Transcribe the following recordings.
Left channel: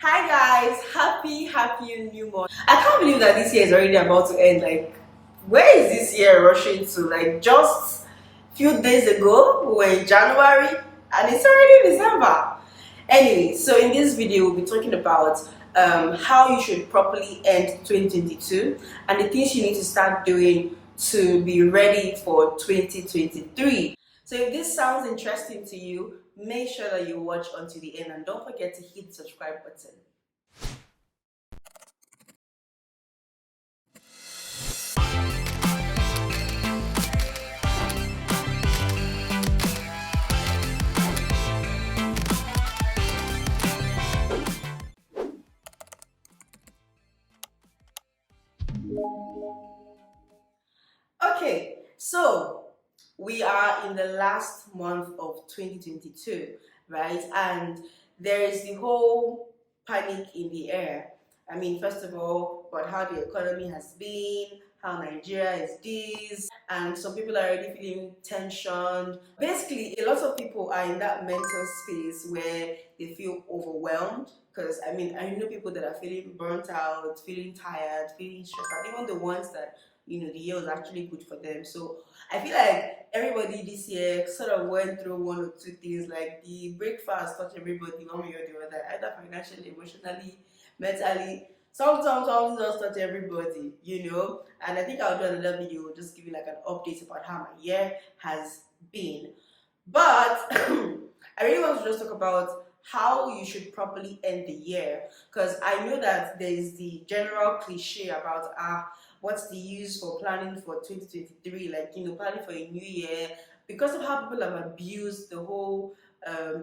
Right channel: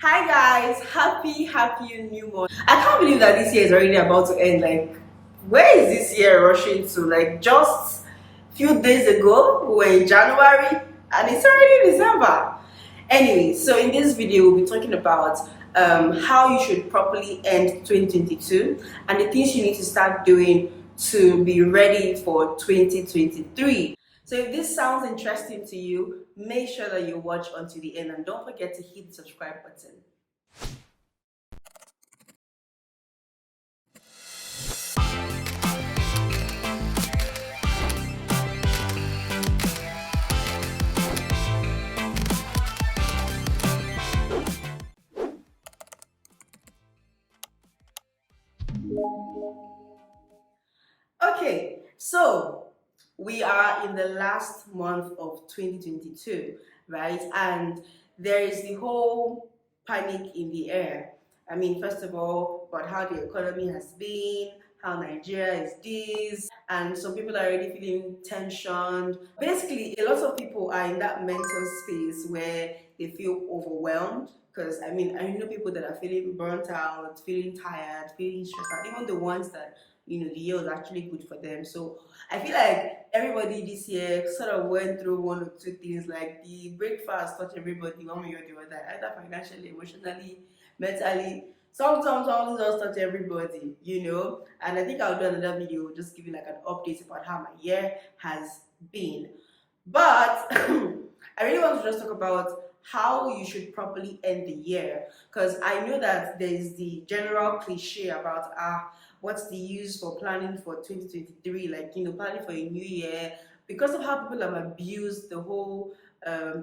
Hi guys, happy new month. I can't believe that this year is already about to end. Like, where is this year rushing to? Like, just few days ago, we were in January and it's already December. Anyway, so in this video, we'll be talking about how you should properly end 2022 and the things you need to start doing to be ready for 2023. So if this sounds interesting to you, make sure that you watch until the end and don't forget to hit the subscribe button. Okay, so we are in the last month of 2022, right? And there is the whole panic in the air. I mean, first of all, about how the economy has been, how Nigeria is this, and some people are already feeling tensioned. Basically, a lot of people are in that mental space where they feel overwhelmed. Because I know people that are feeling burnt out, feeling tired, feeling stressed out, even the ones that the year was actually good for them. So I feel like everybody this year sort of went through one or two things, like the breakfast touched everybody one way or the other, either financially, emotionally, mentally. Sometimes just touch everybody. And I think I'll do another video just giving like an update about how my year has been. But I really want to just talk about how you should properly end the year, because I know that there is the general cliche about what's the use for planning for 2023, like planning for a new year, because of how people have abused the whole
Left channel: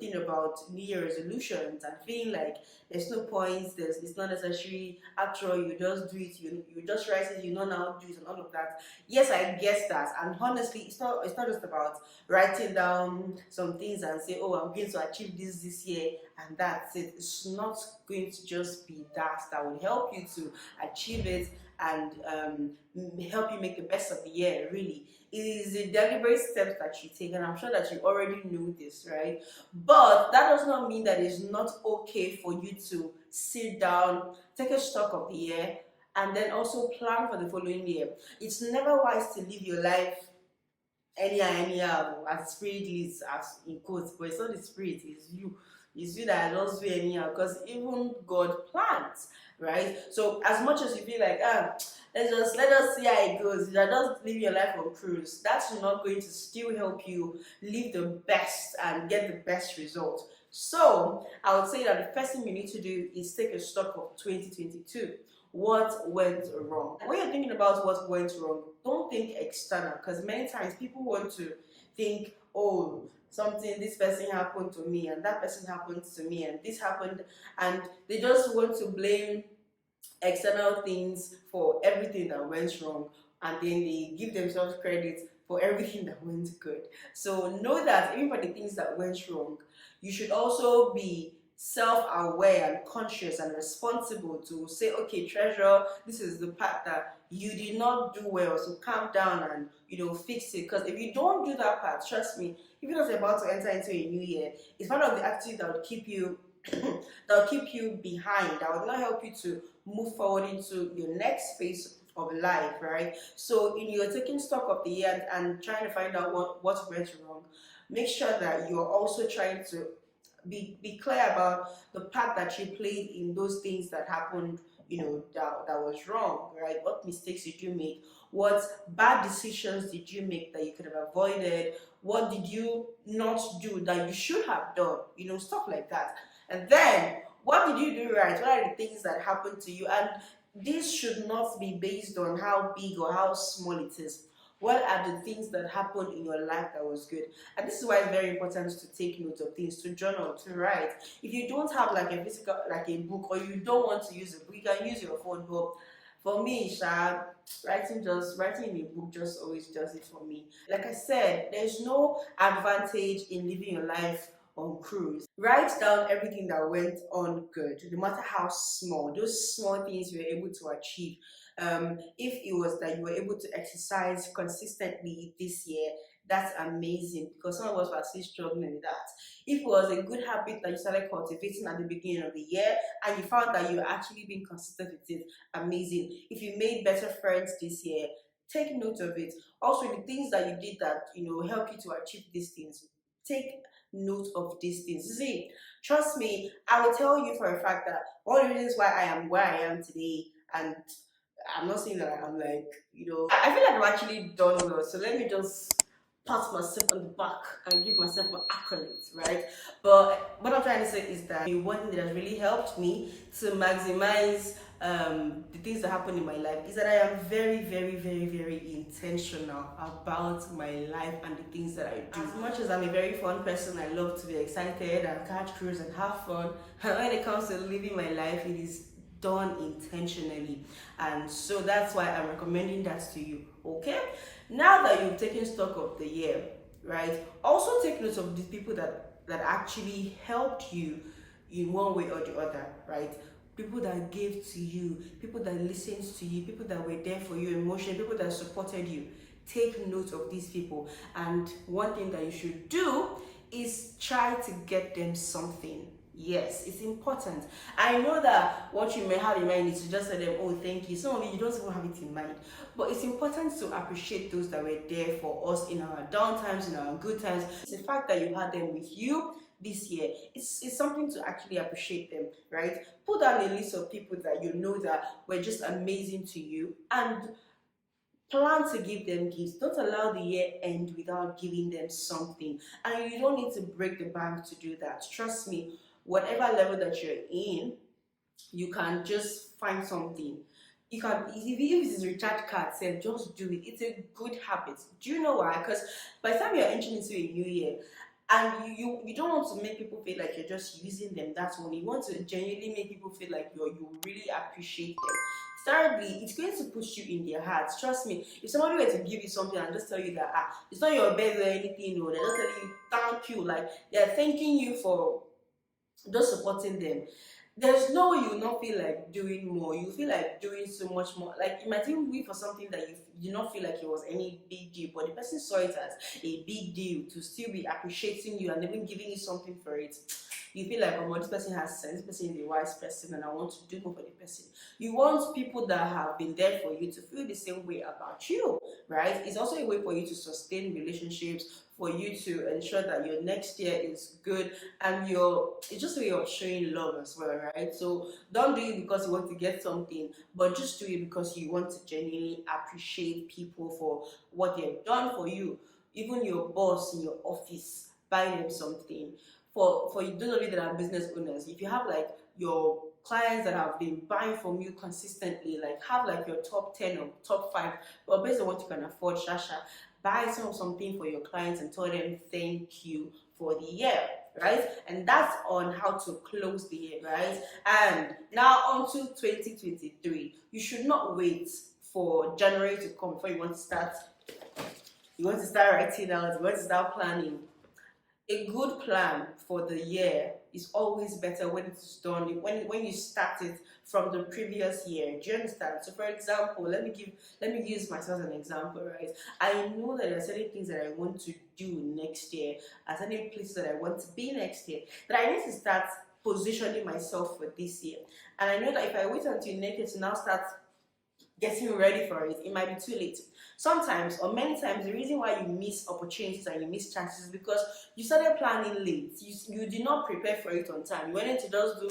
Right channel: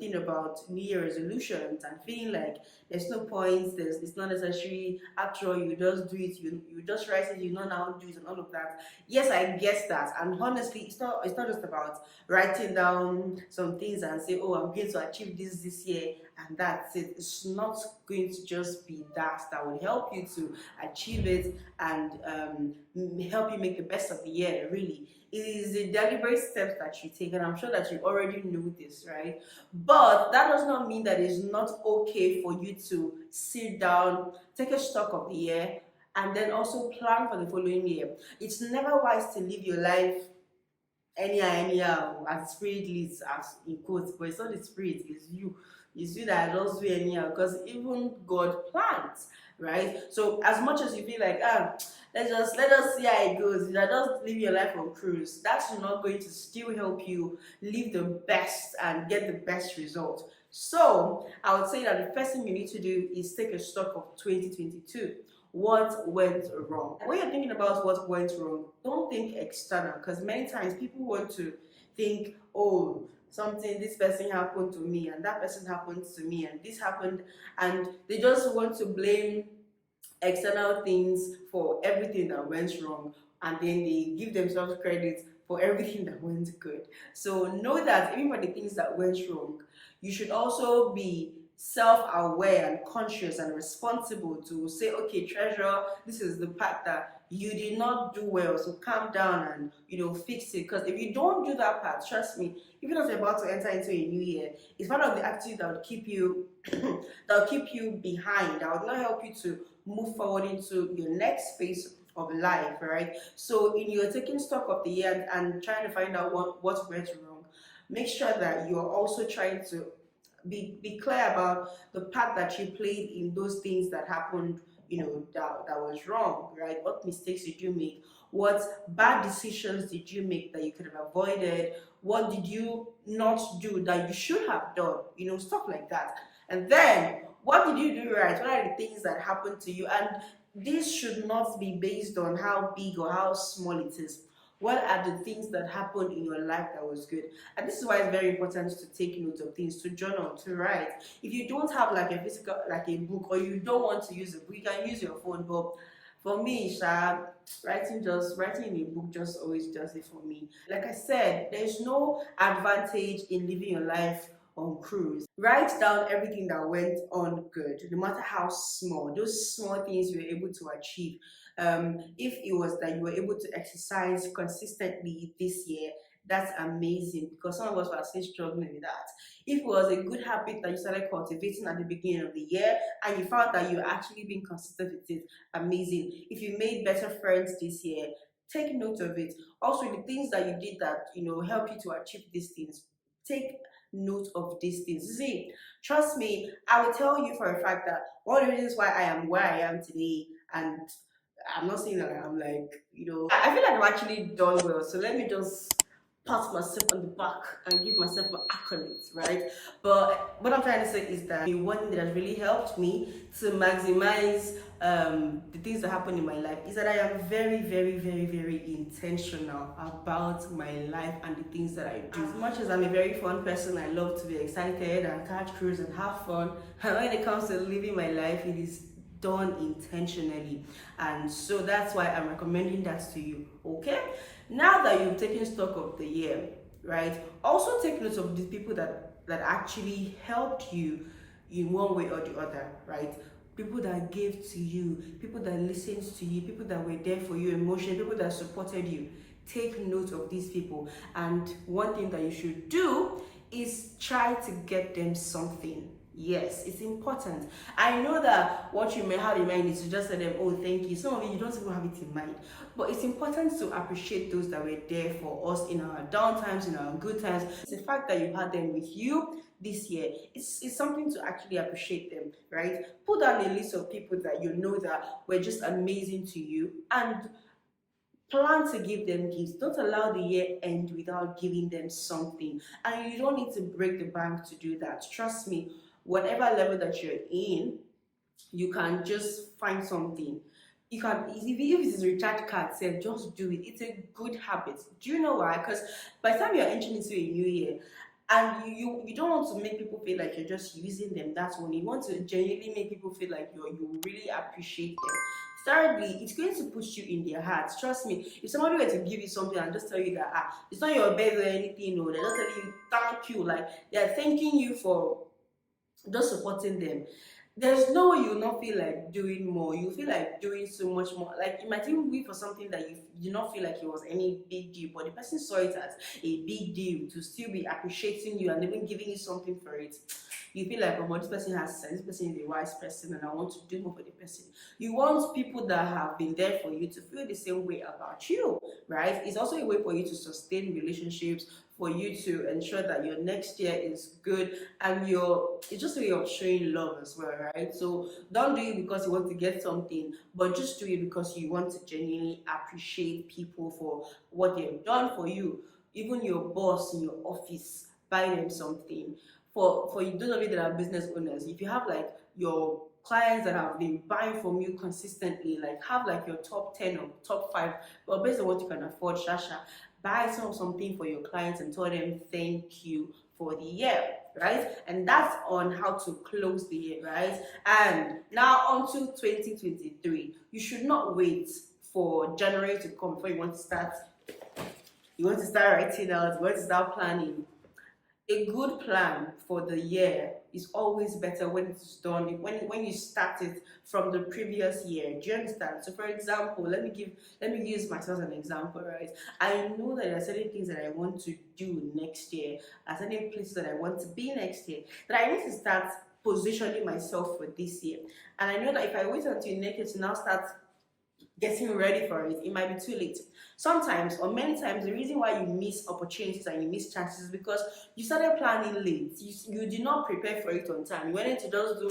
thing about New Year resolutions and feeling like there's no point, it's not necessary. After all, you just do it, you just write it, you know now do it and all of that. Yes, I guess that, and honestly, it's not just about writing down some things and say, oh, I'm going to achieve this year and that's it. It's not going to just be that will help you to achieve it and help you make the best of the year. Really, it is the deliberate steps that you take, and I'm sure that you already know this, right? But that does not mean that it's not okay for you to sit down, take a stock of the year, and then also plan for the following year. It's never wise to live your life anyhow, as spirit leads, as in quotes, but it's not the spirit, it's you that just do anyhow, because even God plans, right? So as much as you feel like let us see how it goes, you are just live your life on cruise, that's not going to still help you live the best and get the best result. So I would say that the first thing you need to do is take a stock of 2022. What went wrong? When you're thinking about what went wrong, don't think external, because many times people want to think, oh, something, this person happened to me and that person happened to me and this happened, and they just want to blame external things for everything that went wrong, and then they give themselves credit for everything that went good. So know that even for the things that went wrong, you should also be self-aware and conscious and responsible to say, okay, treasure, this is the part that you did not do well, so calm down and fix it. Because if you don't do that part, trust me, even as you're about to enter into a new year, it's one of the attitudes that would keep you that will keep you behind, that will not help you to move forward into your next phase of life, right? So in your taking stock of the year and trying to find out what went wrong, make sure that you're also trying to be clear about the part that you played in those things that happened, that was wrong, right? What mistakes did you make? What bad decisions did you make that you could have avoided? What did you not do that you should have done? Stuff like that. And then, what did you do right? What are the things that happened to you? And this should not be based on how big or how small it is. What are the things that happened in your life that was good? And this is why it's very important to take notes of things, to journal, to write. If you don't have like a physical, like a book, or you don't want to use a book, you can use your phone. But for me, writing in a book just always does it for me. Like I said, there's no advantage in living your life on cruise. Write down everything that went on good, no matter how small, those small things you were able to achieve. If it was that you were able to exercise consistently this year, that's amazing, because some of us are still struggling with that. If it was a good habit that you started cultivating at the beginning of the year and you found that you're actually being consistent with it, amazing. If you made better friends this year, take note of it. Also, the things that you did that help you to achieve these things, take note of these things. See, trust me, I will tell you for a fact that one of the reasons why I am where I am today, and I'm not saying that I'm like, I feel like I've actually done well. So let me just pat myself on the back and give myself my accolades, right? But what I'm trying to say is that the one thing that has really helped me to maximize the things that happen in my life is that I am very, very, very, very intentional about my life and the things that I do. As much as I'm a very fun person, I love to be excited and catch cruise and have fun. And when it comes to living my life, it is done intentionally, and so that's why I'm recommending that to you. Okay, now that you've taken stock of the year, right, also take note of the people that actually helped you in one way or the other, right? People that gave to you, people that listened to you, people that were there for you emotionally, people that supported you. Take note of these people, and one thing that you should do is try to get them something. Yes, it's important. I know that what you may have in mind is to just tell them, oh, thank you. Some of you don't even have it in mind. But it's important to appreciate those that were there for us in our down times, in our good times. It's the fact that you had them with you this year. It's something to actually appreciate them, right? Put down a list of people that you know that were just amazing to you, and plan to give them gifts. Don't allow the year end without giving them something. And you don't need to break the bank to do that. Trust me, whatever level that you're in, you can just find something. You can, if it's a recharge card, say just do it. It's a good habit. Do you know why? Because by the time you're entering into a new year, and you don't want to make people feel like you're just using them, that's when you want to genuinely make people feel like you really appreciate them. Thirdly, it's going to put you in their hearts. Trust me, if somebody were to give you something and just tell you that it's not your birthday or anything, no, they're just telling you thank you, like they're thanking you for just supporting them, there's no way you'll not feel like doing more. You feel like doing so much more. Like it might even be for something that you do not feel like it was any big deal, but the person saw it as a big deal to still be appreciating you and even giving you something for it. You feel like, oh, this person has sense, this person is a wise person, and I want to do more for the person. You want people that have been there for you to feel the same way about you, right? It's also a way for you to sustain relationships, for you to ensure that your next year is good, and it's just a way of showing love as well, right? So don't do it because you want to get something, but just do it because you want to genuinely appreciate people for what they have done for you. Even your boss in your office, buy them something. For those of you that are business owners, if you have like your clients that have been buying from you consistently, like have like your top 10 or top 5, but based on what you can afford, Shasha, buy something for your clients and tell them thank you for the year, right? And that's on how to close the year, right? And now on to 2023. You should not wait for January to come before you want to start. You want to start writing out, you want to start planning. A good plan for the year is always better when it's done, when you start it from the previous year. Do you understand? So for example, let me use myself as an example, right? I know that there are certain things that I want to do next year, and certain places that I want to be next year, that I need to start positioning myself for this year. And I know that if I wait until next year to now start getting ready for it, it might be too late. Sometimes, or many times, the reason why you miss opportunities and you miss chances is because you started planning late. You did not prepare for it on time. You wanted to just do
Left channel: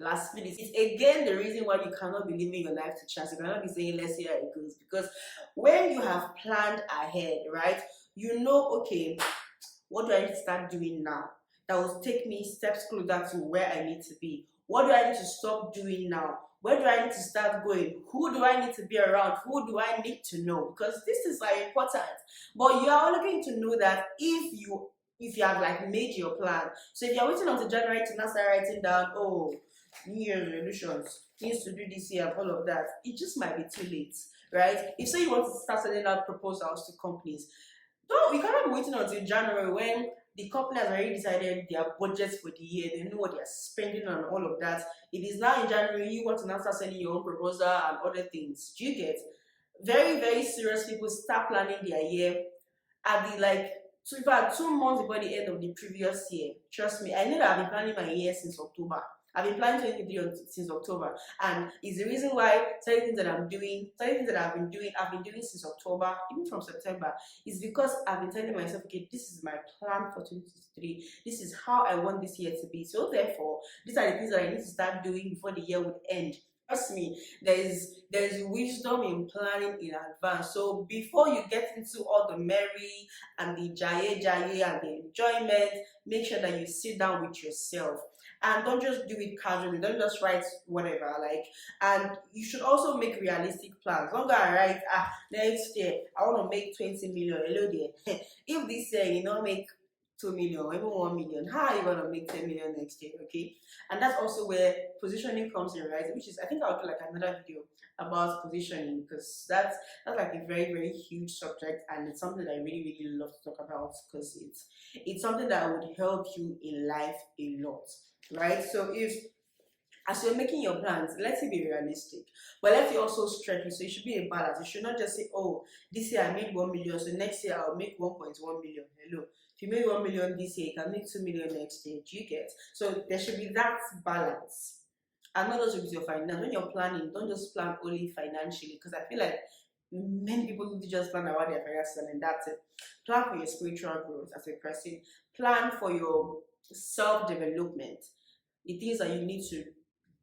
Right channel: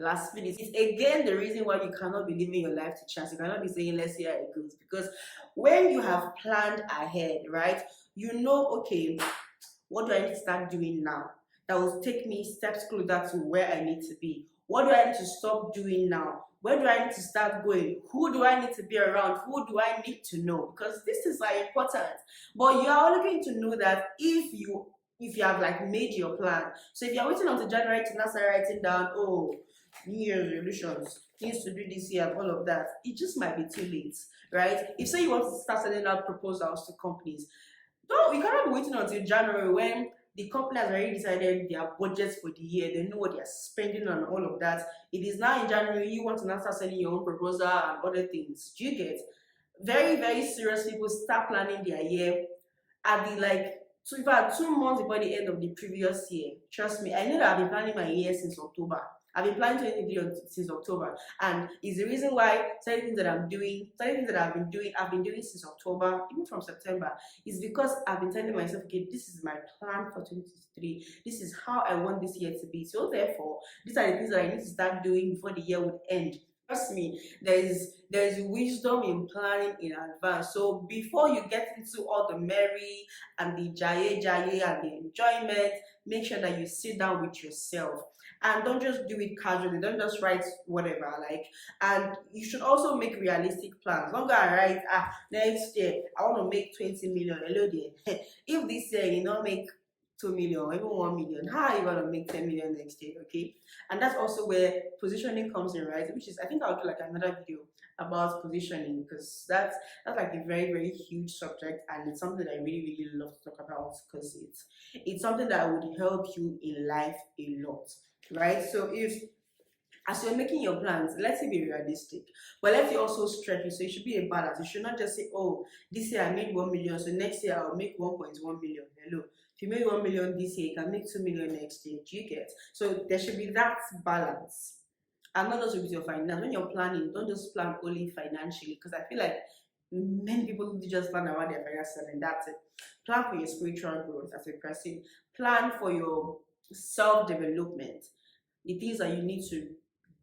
last minute. It's again the reason why you cannot be living your life to chance. You cannot be saying, let's see how it goes. Because when you have planned ahead, right, you know, okay, what do I need to start doing now that will take me steps closer to where I need to be? What do I need to stop doing now? Where do I need to start going? Who do I need to be around? Who do I need to know? Because this is like important. But you are only going to know that if you have like made your plan. So if you're waiting until January to now start writing down, oh, New Year's resolutions, things to do this year and all of that, it just might be too late, right? If say you want to start sending out proposals to companies, you cannot be waiting until January when the company has already decided their budgets for the year. They know what they are spending on all of that. It is now in January, you want to now start sending your own proposal and other things. Do you get? Very, very serious people start planning their year at the like in fact 2 months before the end of the previous year. Trust me, I know that I've been planning my year since October. I've been planning 2023 since October, and it's the reason why certain things that I'm doing, certain things that I've been doing since October, even from September, is because I've been telling myself, okay, this is my plan for 2023. This is how I want this year to be. So therefore, these are the things that I need to start doing before the year would end. Trust me, there's wisdom in planning in advance. So before you get into all the merry and the jaye jaye and the enjoyment, make sure that you sit down with yourself and don't just do it casually. Don't just write whatever, like. And you should also make realistic plans. Don't go and write, next year I want to make 20 million. Hello there. If this year you not make 2 million or even 1 million, how are you gonna make 10 million next year? Okay. And that's also where positioning comes in, right? Which is, I think I'll do like another video about positioning, because that's like a very, very huge subject, and it's something that I really, really love to talk about, because it's something that would help you in life a lot, right? So if, as you're making your plans, let's say be realistic, but let's also stretch it. So it should be a balance. You should not just say, oh, this year I made 1 million, so next year I'll make 1.1 million. Hello. If you made 1 million this year, you can make 2 million next year. Do you get? So there should be that balance. And not just with your finance. When you're planning, don't just plan only financially, because I feel like many people do just plan about their finances and that's it. Plan for your spiritual growth as a person. Plan for your self-development. The things that you need to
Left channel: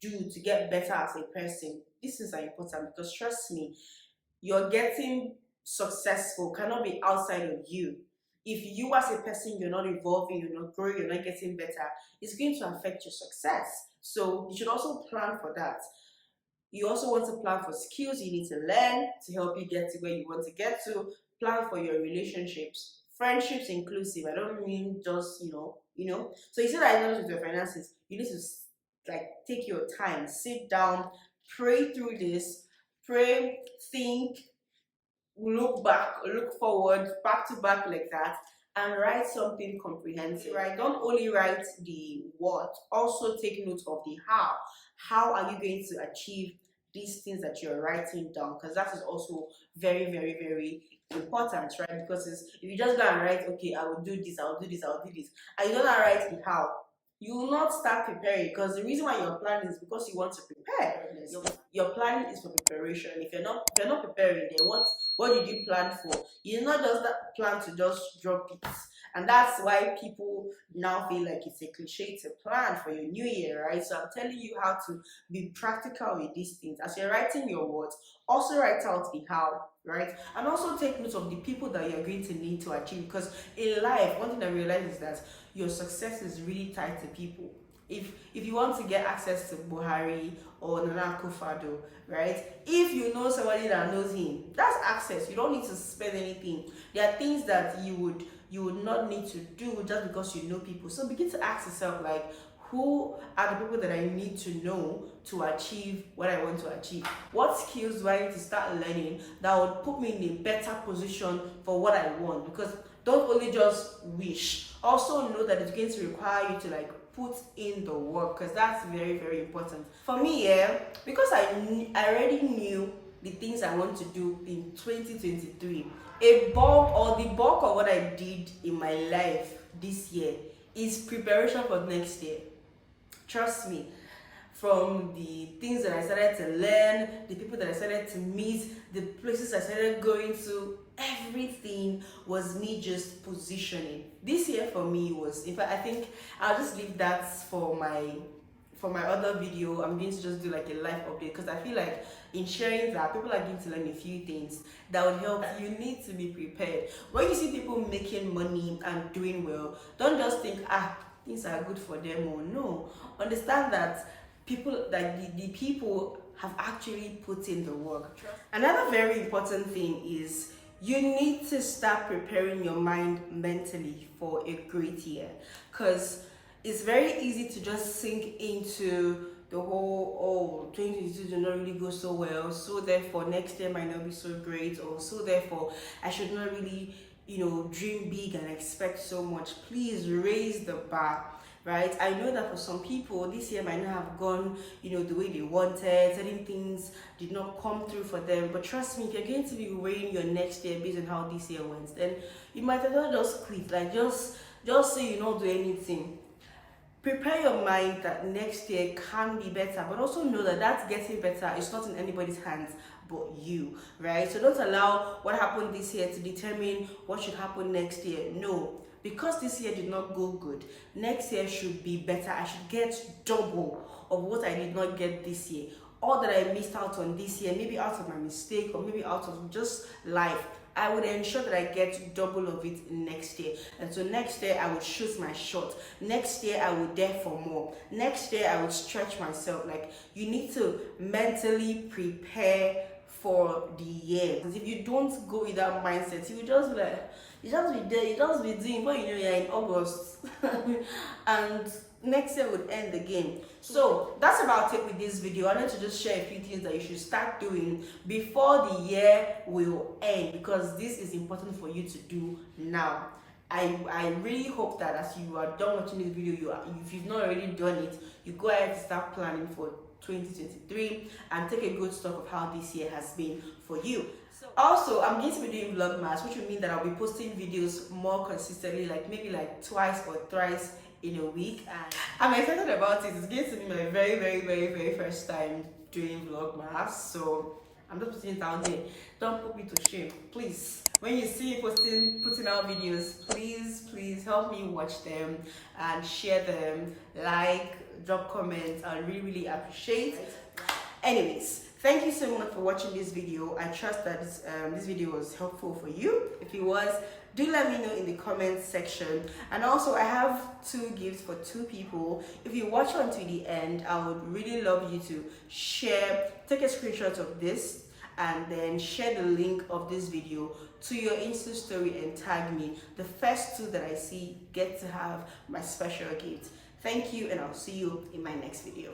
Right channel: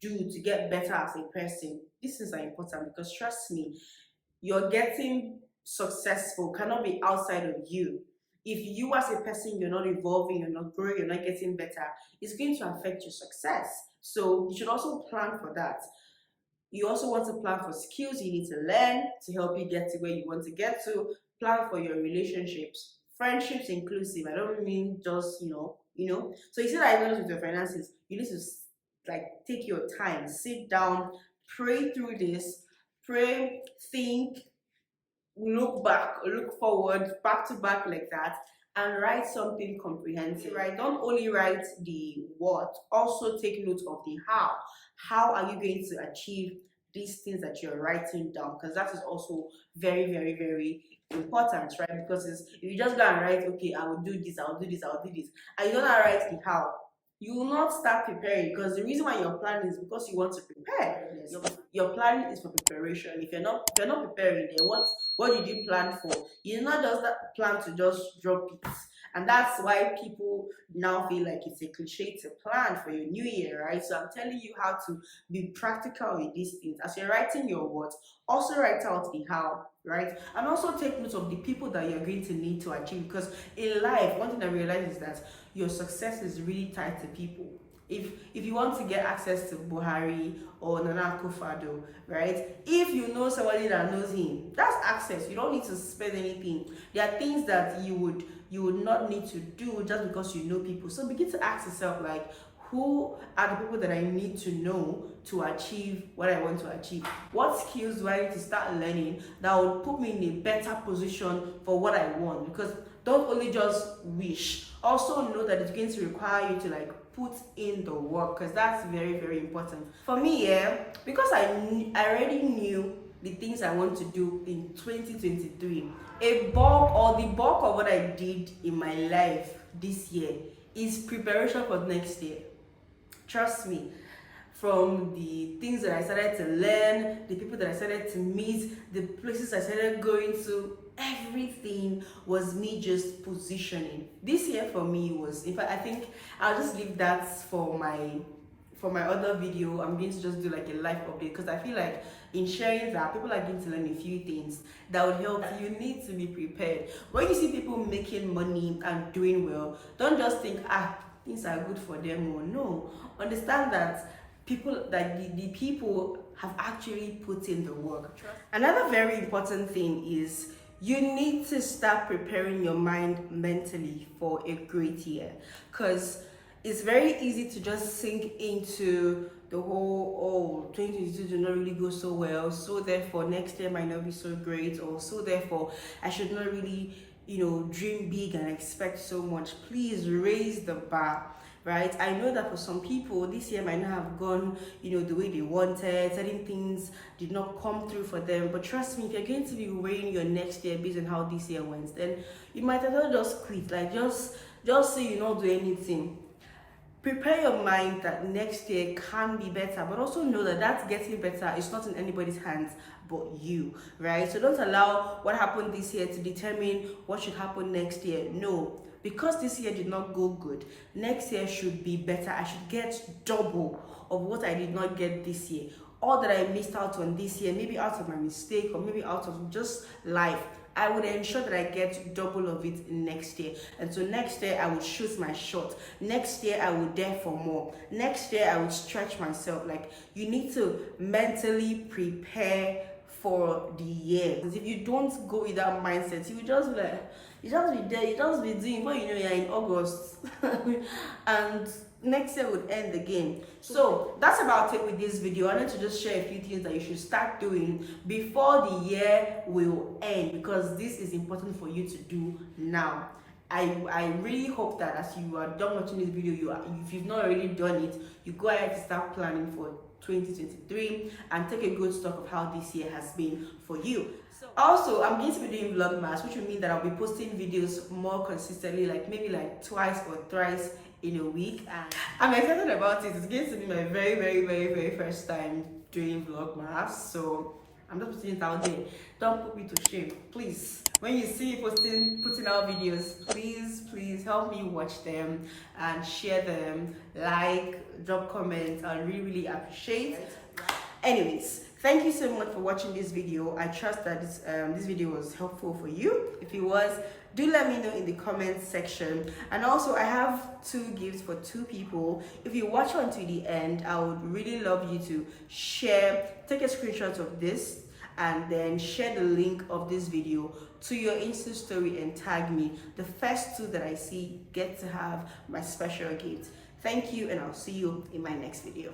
do to get better as a person. These things are important, because trust me, you're getting successful cannot be outside of you. If you as a person, you're not evolving, you're not growing, you're not getting better, it's going to affect your success. So you should also plan for that. You also want to plan for skills you need to learn to help you get to where you want to get to. Plan for your relationships, friendships inclusive. I don't mean just, So you see that I know with your finances, you need to like take your time, sit down, pray through this, pray, think, look back, look forward, back to back like that, and write something comprehensive. Right? Don't only write the what, also take note of the how. How are you going to achieve these things that you're writing down? Because that is also very, very, very important, right? Because if you just go and write, okay, I will do this, I will do this, I will do this, and you don't write the how, you will not start preparing, because the reason why you're planning is because you want to prepare. Your planning is for preparation. If you're not preparing, then what did you plan for? You did not just plan to just drop it. And that's why people now feel like it's a cliche to plan for your new year, right? So I'm telling you how to be practical with these things. As you're writing your words, also write out the how, right? And also take note of the people that you're going to need to achieve, because in life, one thing I realize is that your success is really tied to people. If you want to get access to Buhari or Nana Akufo-Addo, right? If you know somebody that knows him, that's access. You don't need to spend anything. There are things that you would not need to do just because you know people. So begin to ask yourself, like, who are the people that I need to know to achieve what I want to achieve? What skills do I need to start learning that would put me in a better position for what I want? Because don't only just wish. Also know that it's going to require you to like put in the work, because that's very, very important. For me, because I already knew the things I want to do in 2023, the bulk of what I did in my life this year is preparation for next year. Trust me. From the things that I started to learn, the people that I started to meet, the places I started going to, everything was me just positioning. This year for me was, in fact, I think I'll just leave that for my other video. I'm going to just do like a life update, because I feel like in sharing that, people are going to learn a few things that would help. You need to be prepared. When you see people making money and doing well, don't just think, things are good for them. Or no, understand that the people have actually put in the work. Another very important thing is you need to start preparing your mind mentally for a great year, because it's very easy to just sink into the whole 2022 did not really go so well, so therefore next year might not be so great, or so therefore I should not really dream big and expect so much. Please raise the bar. right? I know that for some people, this year might not have gone, the way they wanted. Certain things did not come through for them. But trust me, if you're going to be weighing your next year based on how this year went, then you might as well just quit. Like, just say you don't do anything. Prepare your mind that next year can be better, but also know that that's getting better is not in anybody's hands but you, right? So don't allow what happened this year to determine what should happen next year. No, because this year did not go good, next year should be better. I should get double of what I did not get this year. All that I missed out on this year, maybe out of my mistake or maybe out of just life, I would ensure that I get double of it next year. And so next year I would shoot my shot. Next year I would dare for more. Next year I would stretch myself. Like, you need to mentally prepare for the year. Because if you don't go with that mindset, you will just be like, you just be there, you just be doing what you're in August. And next year would end the game. So that's about it with this video. I wanted to just share a few things that you should start doing before the year will end, because this is important for you to do now. I really hope that as you are done watching this video, if you've not already done it, you go ahead to start planning for 2023 and take a good stock of how this year has been for you. Also, I'm going to be doing vlogmas, which will mean that I'll be posting videos more consistently, like maybe like twice or thrice in a week, and I'm excited about it. It's going to be my very, very, very, very first time doing vlogmas, so I'm just putting it out there. Don't put me to shame, please. When you see me putting out videos, please help me watch them and share them, like, drop comments. I really, really appreciate it. Anyways, thank you so much for watching this video. I trust that this video was helpful for you. If it was, do let me know in the comments section. And also, I have 2 gifts for 2 people. If you watch until the end, I would really love you to take a screenshot of this and then share the link of this video to your Insta story and tag me. The first 2 that I see get to have my special gift. Thank you, and I'll see you in my next video.